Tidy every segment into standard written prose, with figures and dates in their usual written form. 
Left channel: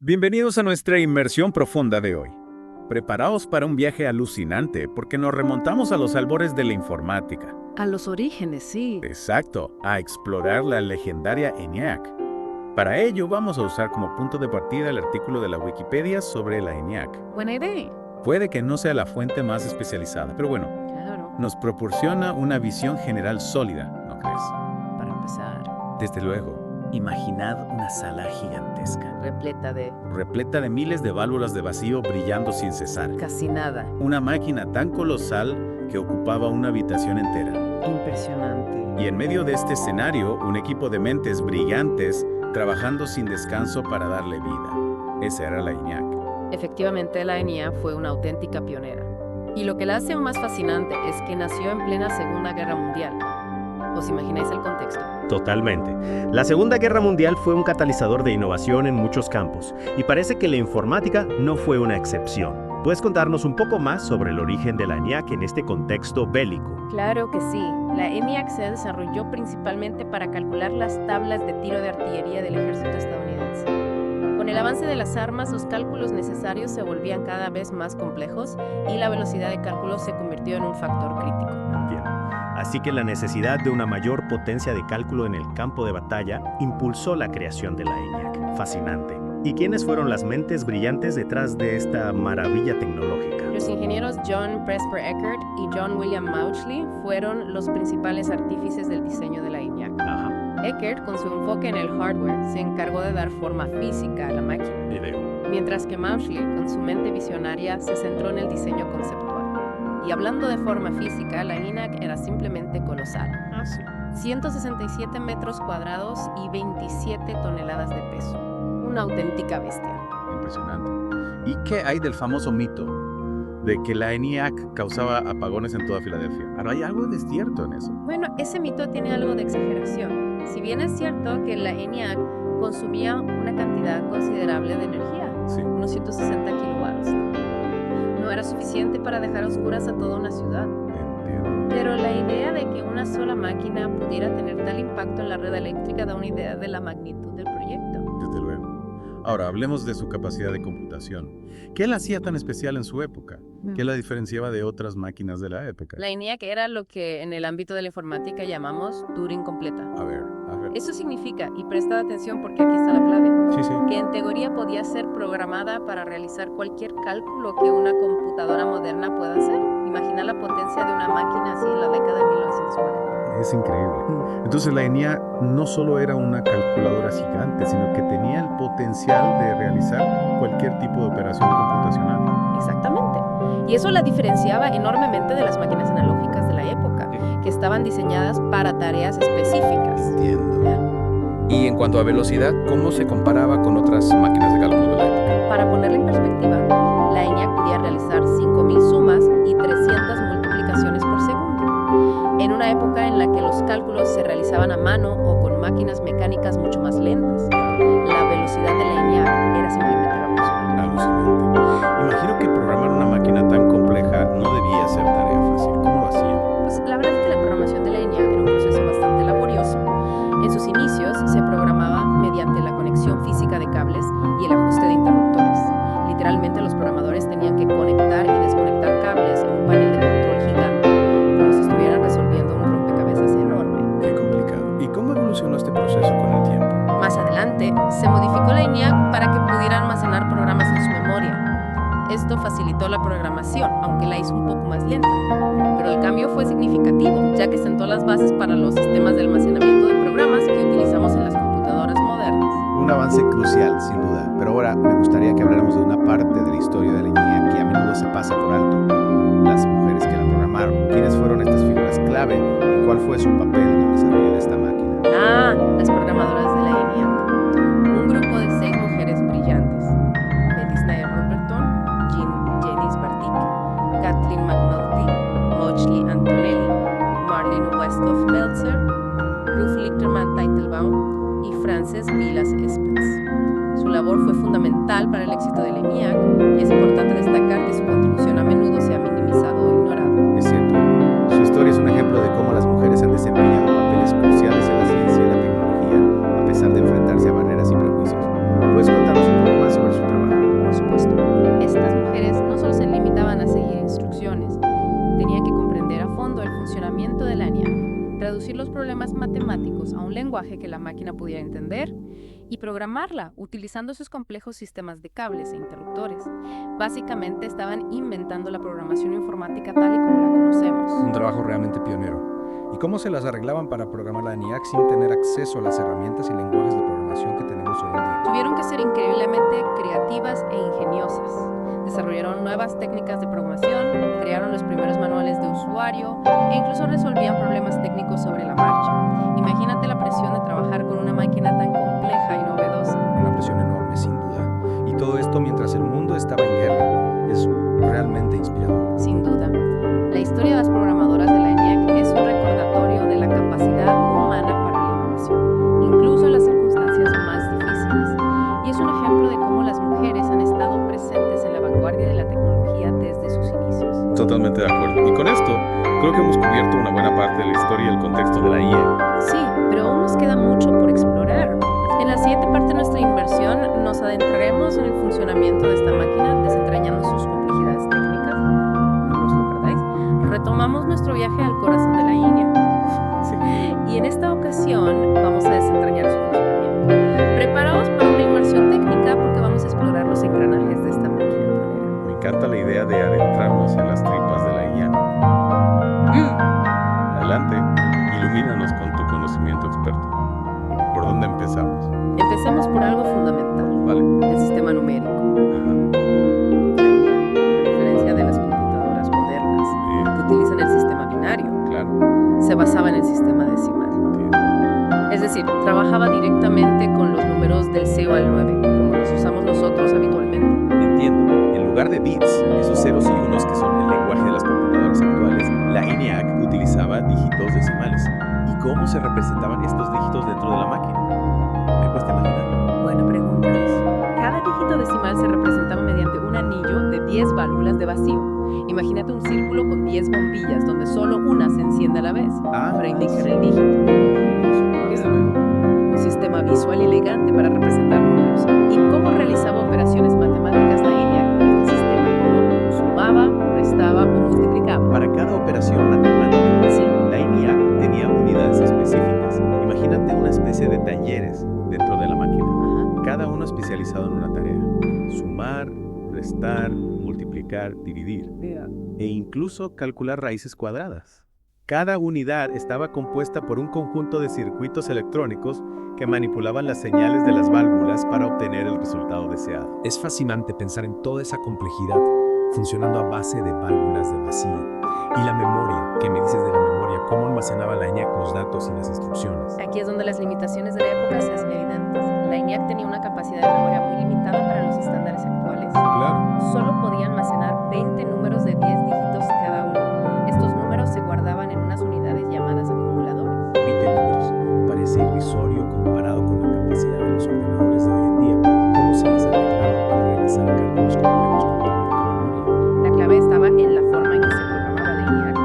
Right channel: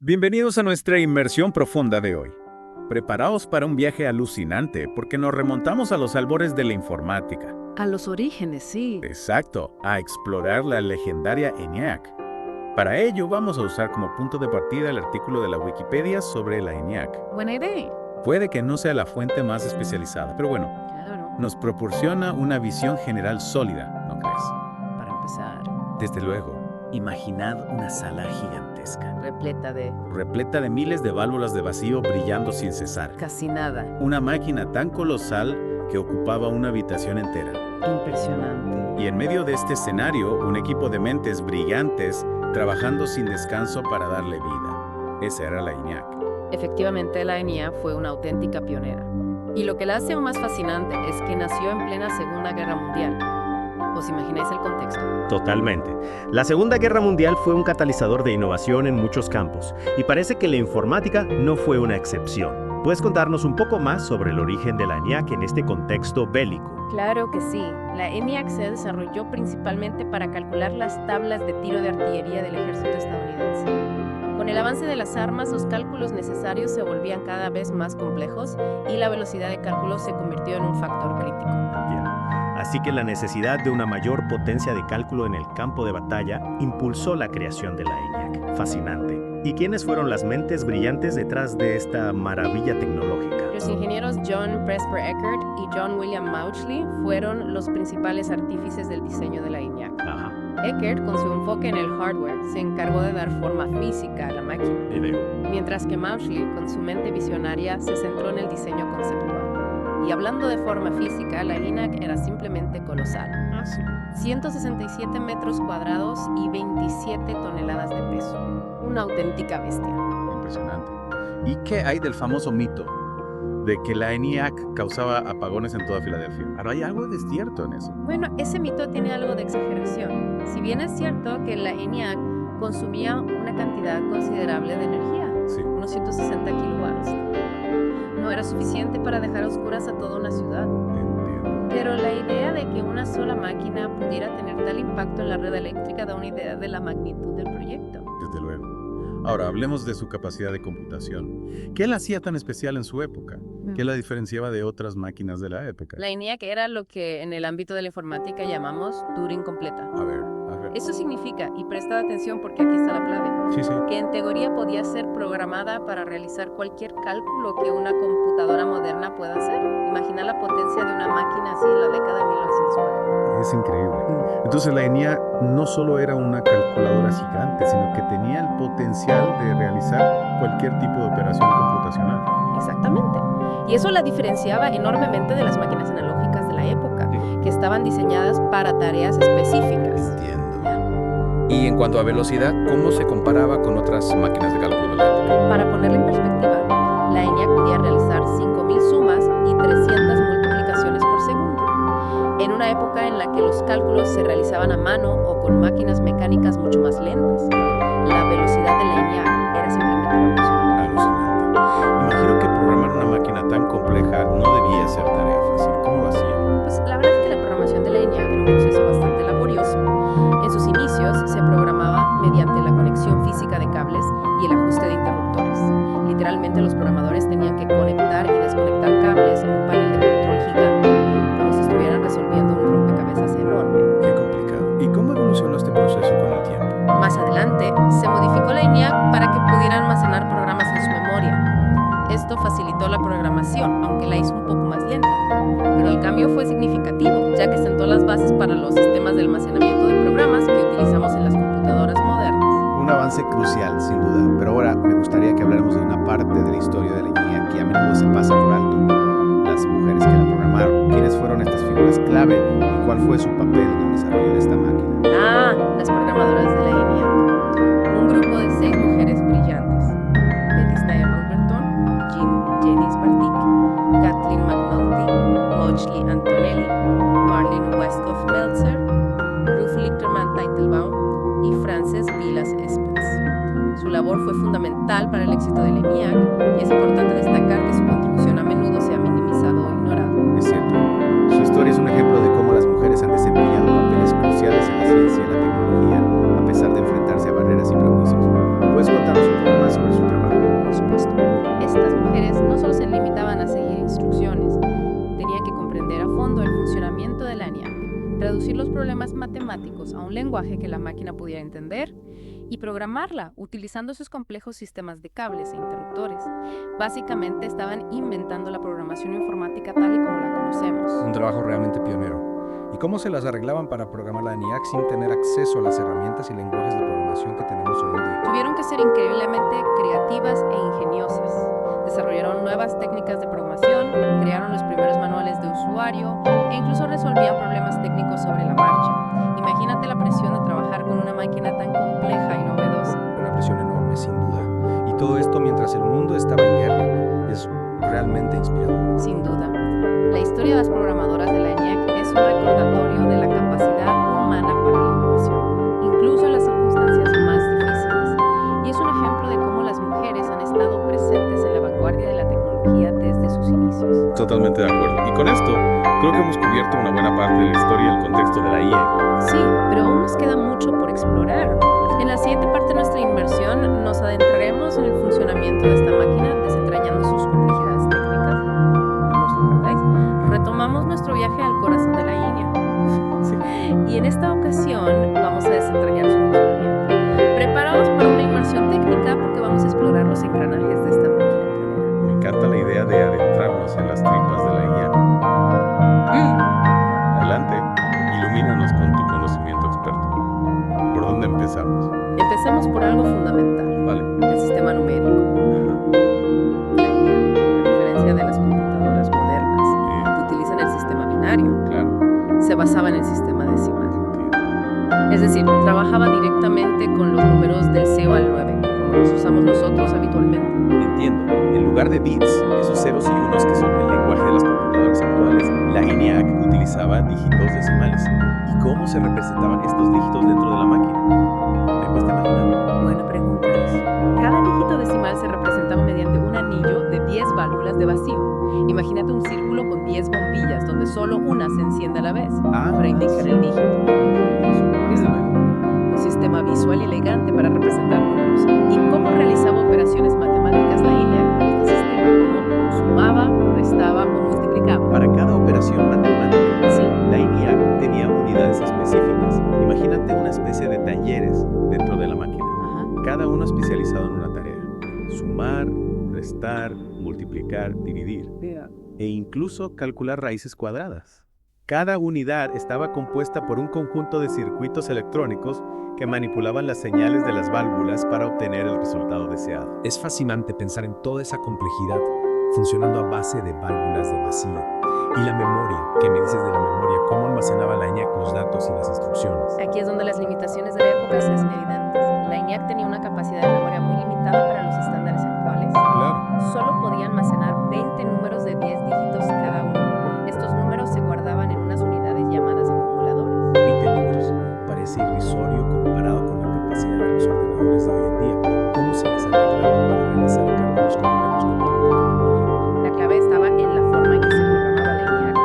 Bienvenidos a nuestra inmersión profunda de hoy. Preparaos para un viaje alucinante porque nos remontamos a los albores de la informática. A los orígenes, sí. Exacto, a explorar la legendaria ENIAC. Para ello vamos a usar como punto de partida el artículo de la Wikipedia sobre la ENIAC. Buena idea. Puede que no sea la fuente más especializada, pero bueno, Claro, nos proporciona una visión general sólida, ¿no crees? para empezar. Desde luego, imaginad una sala gigantesca, Repleta de miles de válvulas de vacío brillando sin cesar. casi nada. Una máquina tan colosal que ocupaba una habitación entera. Impresionante. Y en medio de este escenario, un equipo de mentes brillantes trabajando sin descanso para darle vida. Esa era la ENIAC. Efectivamente, la ENIAC fue una auténtica pionera. Y lo que la hace aún más fascinante es que nació en plena Segunda Guerra Mundial. ¿Os imagináis el contexto? Totalmente. La Segunda Guerra Mundial fue un catalizador de innovación en muchos campos, y parece que la informática no fue una excepción. ¿Puedes contarnos un poco más sobre el origen de la ENIAC en este contexto bélico? Claro que sí. La ENIAC se desarrolló principalmente para calcular las tablas de tiro de artillería del ejército estadounidense. Con el avance de las armas, los cálculos necesarios se volvían cada vez más complejos y la velocidad de cálculo se convirtió en un factor crítico. Entiendo. Así que la necesidad de una mayor potencia de cálculo en el campo de batalla impulsó la creación de la ENIAC. Fascinante. ¿Y quiénes fueron las mentes brillantes detrás de esta maravilla tecnológica? Los ingenieros John Presper Eckert y John William Mauchly fueron los principales artífices del diseño de la ENIAC. Ajá, Eckert, con su enfoque en el hardware, se encargó de dar forma física a la máquina, y veo. mientras que Mauchly, con su mente visionaria, se centró en el diseño conceptual. Y hablando de forma física, la ENIAC era simplemente colosal. Ah, sí. 167 metros cuadrados y 27 toneladas de peso. Una auténtica bestia. Impresionante. ¿Y qué hay del famoso mito de que la ENIAC causaba apagones en toda Filadelfia? Ahora, hay algo de cierto en eso. Bueno, ese mito tiene algo de exageración. Si bien es cierto que la ENIAC consumía una cantidad considerable de energía, Sí. unos 160 kilowatts, no era suficiente para dejar a oscuras a toda una ciudad. Entiendo. Pero la idea de que una sola máquina pudiera tener tal impacto en la red eléctrica da una idea de la magnitud del proyecto. Desde luego. Ahora, hablemos de su capacidad de computación. ¿Qué la hacía tan especial en su época? ¿Qué la diferenciaba de otras máquinas de la época? La ENIAC era lo que en el ámbito de la informática llamamos Turing completa. A ver. Eso significa, y prestad atención porque aquí está la clave, Sí. que en teoría podía ser programada para realizar cualquier cálculo que una computadora moderna pueda hacer. Imagina la potencia de una máquina así en la década de 1940. Es increíble. Entonces la ENIAC no solo era una calculadora gigante, sino que tenía el potencial de realizar cualquier tipo de operación computacional. Exactamente. Y eso la diferenciaba enormemente de las máquinas analógicas de la época, que estaban diseñadas para tareas específicas. Entiendo. Y en cuanto a velocidad, ¿cómo se comparaba con otras máquinas de cálculo de la época? Para ponerlo en perspectiva, la ENIAC podía realizar 5.000 sumas y 300 multiplicaciones por segundo. En una época en la que los cálculos se realizaban a mano o con máquinas mecánicas mucho más lentas, la velocidad de la ENIAC era simplemente revolucionaria. Alucinante. Imagino que programar una máquina tan compleja no debía ser tarea fácil. ¿Cómo lo hacían? Pues la verdad es que la programación de la ENIAC era un proceso bastante laborioso. En sus inicios se programaba mediante la conexión física de cables y el ajuste de interruptores. Literalmente los programadores tenían que conectar y desconectar cables en un panel de control gigante, como si estuvieran resolviendo un rompecabezas enorme. Qué complicado. ¿Y cómo evolucionó este proceso con el tiempo? Más adelante, se modificó la ENIAC para que pudiera almacenar programas en su memoria. Esto facilitó la programación, aunque la hizo un poco más lenta. Pero el cambio fue significativo, ya que sentó las bases para los sistemas de almacenamiento de programas que utilizamos en las computadoras modernas. Un avance crucial, sin duda, pero ahora me gustaría que habláramos de una parte de la historia de la ENIAC que a menudo se pasa por alto: las mujeres que la programaron. ¿Quiénes fueron estas figuras clave y cuál fue su papel en el desarrollo de esta máquina? Las programadoras de la ENIAC. Un grupo de 6 mujeres brillantes: Betty Snyder Halberton, Janice Bartik, Kathleen McNulty, Mauchly Antonelli, Marlene Westhoff Meltzer, Ruth Lichterman Teitelbaum y Frances Vilas Espens. Su labor fue fundamental para el éxito de la ENIAC y es importante destacar que su contribución a menudo se ha minimizado o ignorado. Es cierto, su historia es un ejemplo de cómo las mujeres han desempeñado papeles cruciales en la ciencia y la tecnología, a pesar de enfrentarse a barreras y prejuicios. ¿Puedes contarnos un poco más sobre su por supuesto. Estas mujeres no solo se limitaban a seguir instrucciones, tenían que comprender a fondo el funcionamiento de la ENIAC, traducir los problemas matemáticos a un lenguaje que la máquina pudiera entender y programarla utilizando sus complejos sistemas de cables e interruptores. Básicamente estaban inventando la programación informática tal y como la conocemos. Un trabajo realmente pionero. ¿Y cómo se las arreglaban para programar la ENIAC sin tener acceso a las herramientas y lenguajes de programación que tenemos hoy en día? Tuvieron que ser increíblemente creativas e ingeniosas. Desarrollaron nuevas técnicas de programación, crearon los primeros manuales de usuario e incluso resolvían problemas técnicos sobre la marcha. Imagínate la presión de trabajar con una máquina tan compleja y novedosa. Una presión enorme, sin duda. Y todo esto mientras el mundo estaba en guerra. Es realmente inspirador. Sin duda. La historia de las programadoras de la ENIAC es un recordatorio de la capacidad humana para la innovación, incluso en las circunstancias más difíciles. Y es un ejemplo de cómo las mujeres han estado presentes en la vanguardia de la tecnología desde sus inicios. Totalmente de acuerdo. Y con esto, creo que hemos cubierto una buena parte de la historia y el contexto de la IA. Sí, pero aún nos queda mucho por explorar. En la siguiente parte de nuestra inversión nos adentraremos en el funcionamiento de esta máquina, desentrañando sus complejidades técnicas. No os lo perdáis. Retomamos nuestro viaje al corazón de la INEA. Sí. Y en esta ocasión vamos a desentrañar su funcionamiento. Preparados para una inmersión técnica porque vamos a explorar los engranajes de esta máquina pionera. Me encanta la idea de adentrarnos en las tripas de la IA. Adelante, ilumínanos con tu conocimiento experto. ¿Por dónde empezamos? Empecemos por algo fundamental, Vale. el sistema numérico. Ajá. La INEA, a diferencia de las computadoras modernas, que utilizan el sistema binario, Claro, se basaba en el sistema decimal. entiendo. Es decir, trabajaba directamente con los números del 0 al 9, como los usamos nosotros habitualmente. Entiendo. En lugar de bits, esos ceros y unos que son el lenguaje de las computadoras actuales, la ENIAC utilizaba dígitos decimales. ¿Y cómo se representaban estos dígitos dentro de la máquina? Me cuesta imaginar. Buena pregunta. Cada dígito decimal se representaba mediante un anillo de 10 válvulas de vacío. Imagínate un círculo con 10 bombillas donde solo una se enciende a la vez para indicar el dígito. Desde luego. Un sistema visual y elegante para representar números. ¿Y cómo realizaba operaciones matemáticas la INEA con este sistema? ¿Cómo sumaba, restaba o multiplicaba? Para cada operación matemática, Sí, la ENIAC tenía unidades específicas. Imagínate una especie de talleres dentro de la máquina, ajá. cada uno especializado en una tarea. Sumar, restar, multiplicar, dividir e incluso calcular raíces cuadradas. Cada unidad estaba compuesta por un conjunto de circuitos electrónicos que manipulaban las señales de las válvulas para obtener el resultado deseado. Es fascinante pensar en toda esa complejidad funcionando a base de válvulas de vacío. Y la memoria, ¿qué me dices de la memoria? ¿Cómo almacenaba la ENIAC los datos y las instrucciones? Aquí es donde las limitaciones de la época se hacen evidentes. La ENIAC tenía una capacidad de memoria muy limitada para los estándares actuales. Claro. Solo podía almacenar 20 números de 10 dígitos cada uno. Estos números se guardaban en unas unidades llamadas acumuladores. 20 números. Parece irrisorio comparado con la capacidad de los ordenadores de hoy en día. ¿Cómo se les arreglaban para realizar cálculos complejos con tan poca memoria? La clave estaba en la forma en que se programaba la ENIAC.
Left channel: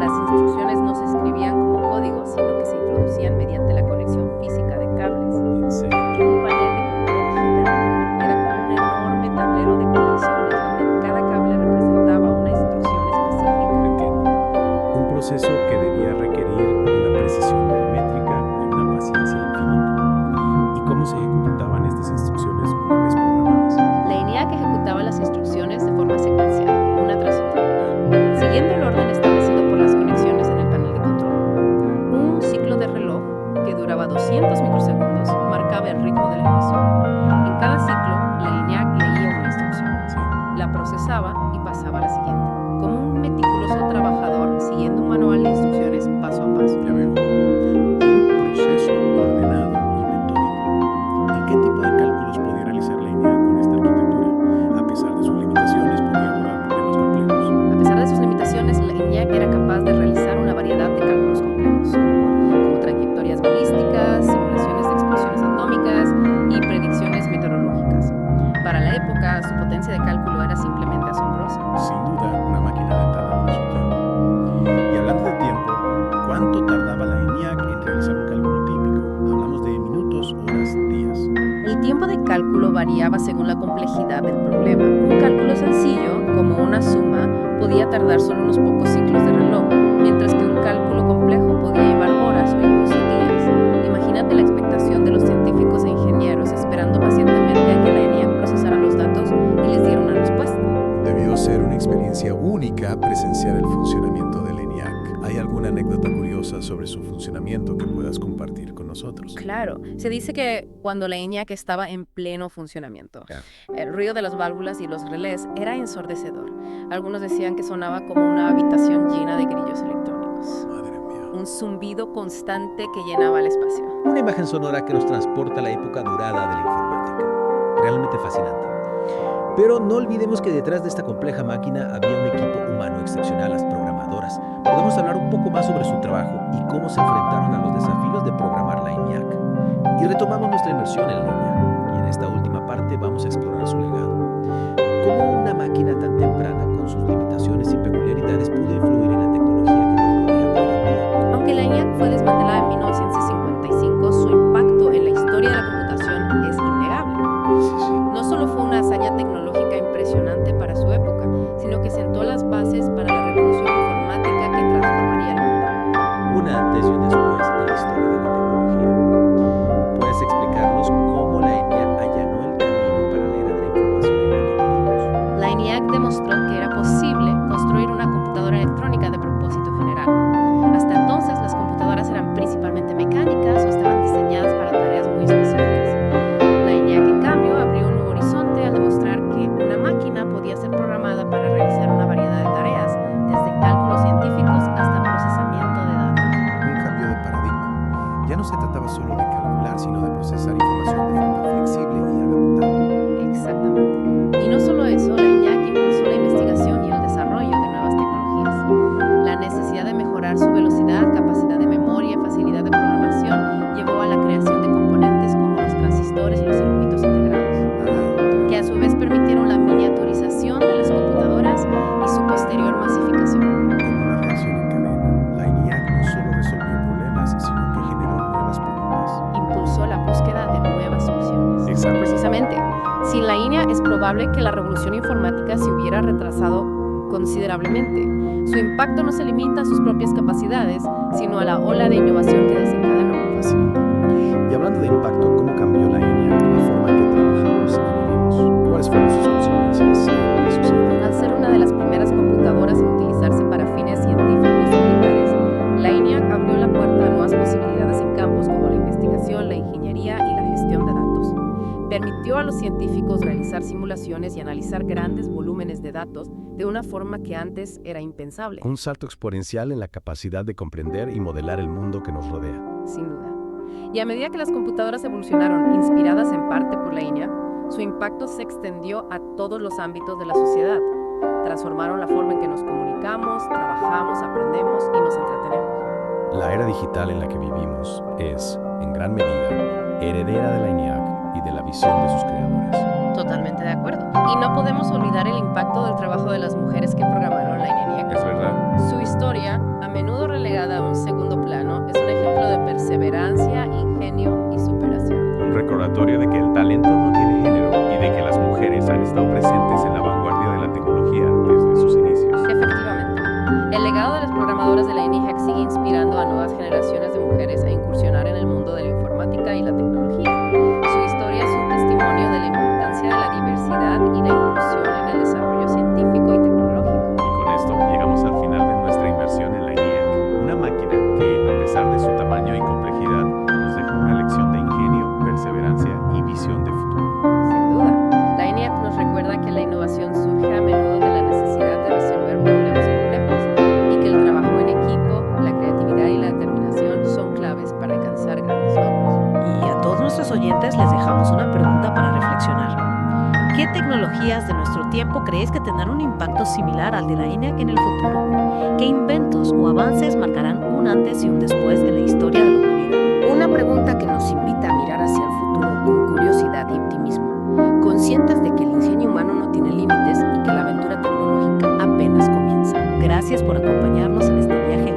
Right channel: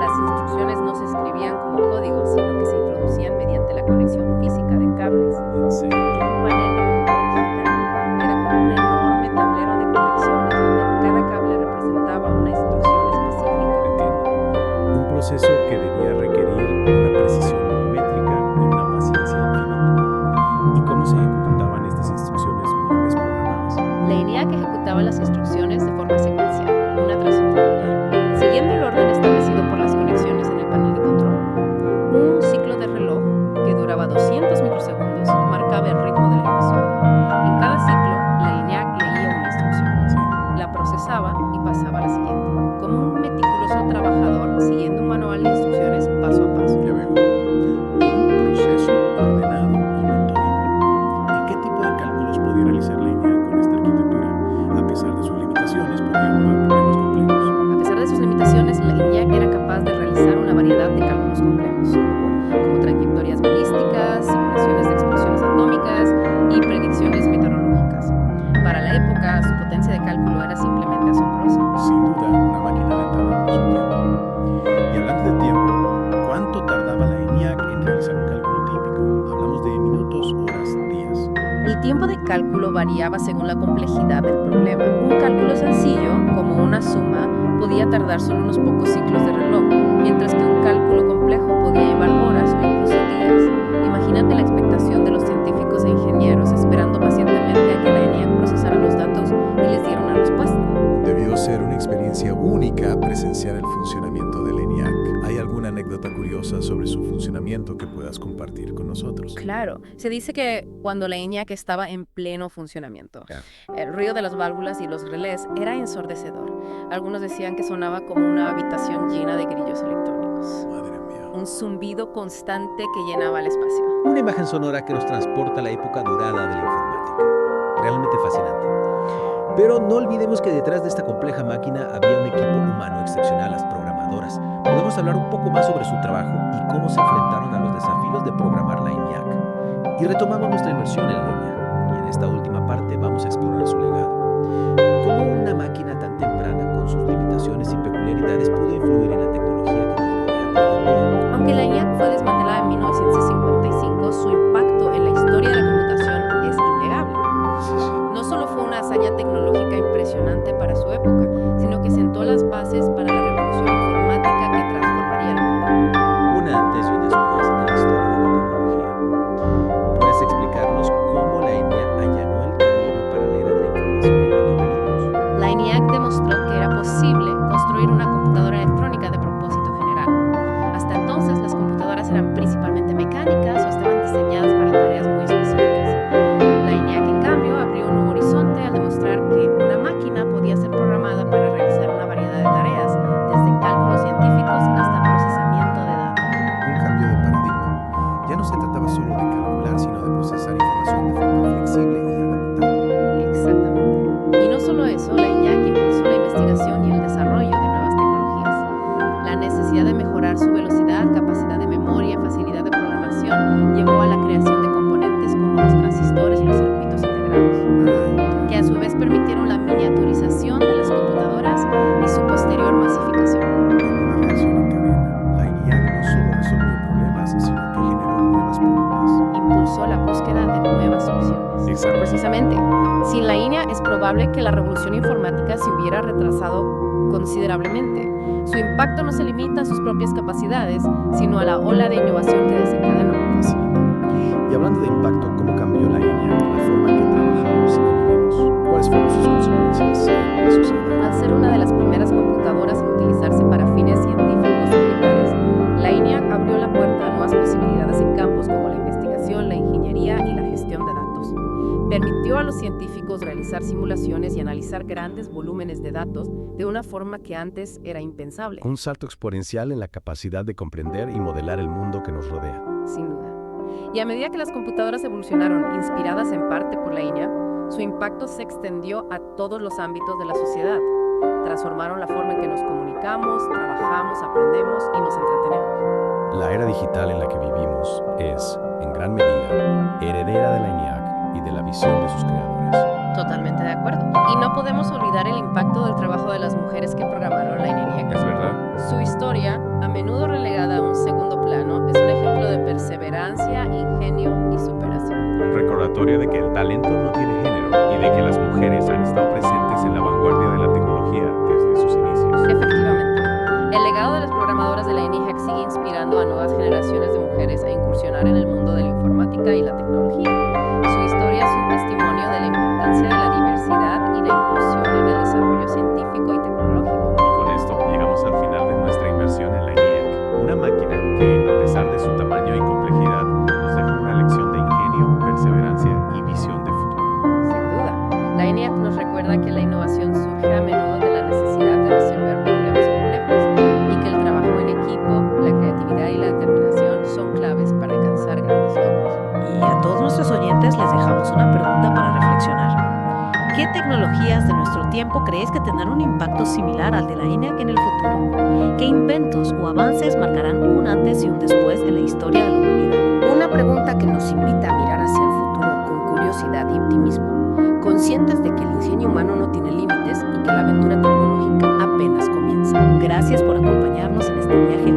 Las instrucciones no se escribían como código, sino que se introducían mediante la conexión física de cables. En serio. Un panel de control gigante era como un enorme tablero de conexiones donde cada cable representaba una instrucción específica. Entiendo. Un proceso que debía requerir una precisión milimétrica y una paciencia infinita. ¿Y cómo se ejecutaban estas instrucciones una vez programadas? La ENIAC ejecutaba las instrucciones de forma secuencial, una tras otra, siguiendo el orden establecido por las conexiones en el panel de control. Un ciclo de reloj que duraba 200 microsegundos marcaba el ritmo de la ejecución. En cada ciclo, la ENIAC leía una instrucción, Sí. la procesaba y pasaba a la siguiente, como un meticuloso trabajador siguiendo un manual de instrucciones paso a paso. Ya veo. Un proceso ordenado y metódico. ¿Y qué tipo de cálculos podía realizar la ENIAC con esta arquitectura? A pesar de sus limitaciones, podía abordar problemas complejos. A pesar de sus limitaciones, la ENIAC era capaz de realizar una variedad de cálculos complejos, como trayectorias balísticas, simulaciones de explosiones atómicas y predicciones meteorológicas. Para la época, su potencia de cálculo era simplemente asombrosa. Sin duda, una máquina adelantada para su tiempo. Y hablando de tiempo, ¿cuánto tardaba la ENIAC en realizar un cálculo típico? Hablamos de minutos, horas, días. El tiempo de cálculo variaba según la complejidad del problema. Un cálculo sencillo, como una suma, podía tardar solo unos pocos ciclos de reloj, mientras que un cálculo complejo podía llevar horas o incluso días. Imagínate la expectación de los científicos e ingenieros esperando pacientemente a que la ENIAC procesara los datos y les diera una respuesta. Debió ser una experiencia única presenciar el funcionamiento del ENIAC. ¿Hay alguna anécdota curiosa sobre su funcionamiento que puedas compartir con nosotros? Claro, se dice que cuando la ENIAC estaba en pleno funcionamiento, el ruido de las válvulas y los relés era ensordecedor. Algunos decían que sonaba como una habitación llena de grillos electrónicos. Madre mía. Un zumbido constante que llenaba el espacio. Una imagen sonora que nos transporta a la época dorada de la informática. Realmente fascinante. Pero no olvidemos que detrás de esta compleja máquina había un equipo humano excepcional, las programadoras. Podemos hablar un poco más sobre su trabajo y cómo se enfrentaron a los desafíos de programar la ENIAC. Y retomamos nuestra inmersión en línea. Y en esta última parte vamos a explorar su legado. Cómo una máquina tan temprana, con sus limitaciones y peculiaridades, pudo influir en la tecnología que nos rodea hoy en día. Aunque la ENIAC fue desmantelada en 1955, su impacto en la historia de la computación es innegable. No solo fue una hazaña tecnológica impresionante para su época, sino que sentó las bases para la revolución informática que transformaría el mundo. Un antes y un después en la historia de la tecnología. ¿Puedes explicarnos cómo la ENIAC allanó el camino para la era de la información en la que vivimos? La ENIAC demostró que era posible construir una computadora electrónica de propósito general. Hasta entonces, las computadoras eran principalmente mecánicas o estaban diseñadas para tareas muy específicas. La ENIAC, en cambio, abrió un nuevo horizonte al demostrar que una máquina podía ser programada para realizar una variedad de tareas, desde cálculos científicos hasta procesamiento de datos. Un cambio de paradigma. Ya no se trataba solo de calcular, sino de procesar información de forma flexible y adaptable. Exactamente. Y no solo eso, la ENIAC impulsó la investigación y el desarrollo de nuevas tecnologías. La necesidad de mejorar su velocidad, capacidad de memoria y facilidad de programación llevó a la creación de componentes como los transistores y los circuitos integrados, que a su vez permitieron la miniaturización de las computadoras y su posterior masificación. En una reacción en cadena, la ENIAC no solo resolvió problemas, sino que generó nuevas preguntas. Impulsó la búsqueda de nuevas soluciones. Exacto. Precisamente, sin la ENIAC es probable que la revolución informática se hubiera retrasado considerablemente. Su impacto no se limita a sus propias capacidades, sino a la ola de innovación que desencadenó. Fascinante. Y hablando de impacto, ¿cómo cambió la ENIAC la forma en que trabajamos y vivimos? ¿Cuáles fueron sus consecuencias en la sociedad? Al ser una de las primeras computadoras en utilizarse para fines científicos o militares, la ENIAC abrió la puerta a nuevas posibilidades en campos como la investigación, la ingeniería y la gestión de datos. Permitió a los científicos realizar simulaciones y analizar grandes volúmenes de datos de una forma que antes era impensable. Un salto exponencial en la capacidad de comprender y modelar el mundo que nos rodea. Sin duda. Y a medida que las computadoras evolucionaron, inspiradas en parte por la ENIAC, su impacto se extendió a todos los ámbitos de la sociedad. Transformaron la forma en que nos comunicamos, trabajamos, aprendemos y nos entretenemos. La era digital en la que vivimos es, en gran medida, heredera de la ENIAC y de la visión de sus creadores. Totalmente de acuerdo. Y no podemos olvidar el impacto del trabajo de las mujeres que programaron la ENIAC. Es verdad. Su historia, a menudo relegada a un segundo plano, es un ejemplo de perseverancia, ingenio y superación. Un recordatorio de que el talento no tiene género y de que las mujeres han estado presentes en la vanguardia de la tecnología desde sus inicios. Efectivamente. El legado de las programadoras de la ENIAC sigue inspirando a nuevas generaciones de mujeres a incursionar en el mundo de la informática y la tecnología. Su historia es un testimonio de la importancia de la diversidad y la inclusión en el desarrollo científico y tecnológico. Y con esto llegamos al final de nuestra inmersión en la ENIAC, una máquina que, a pesar de su tamaño y complejidad, nos deja una lección de ingenio, perseverancia y visión de futuro. Sin duda, la ENIAC nos recuerda que la innovación surge a menudo de la necesidad de resolver problemas complejos y que el trabajo en equipo, la creatividad y la determinación son claves para alcanzar grandes logros. Y a todos nuestros oyentes les dejamos una pregunta para reflexionar. ¿Qué tecnologías de nuestro tiempo creéis que tendrán un impacto similar al de la ENIAC en el futuro? ¿Qué inventos o avances marcarán un antes y un después en la historia de la humanidad? Una pregunta que nos invita a mirar hacia el futuro con curiosidad y optimismo, conscientes de que el ingenio humano no tiene límites y que la aventura tecnológica apenas comienza. Gracias por acompañarnos en este viaje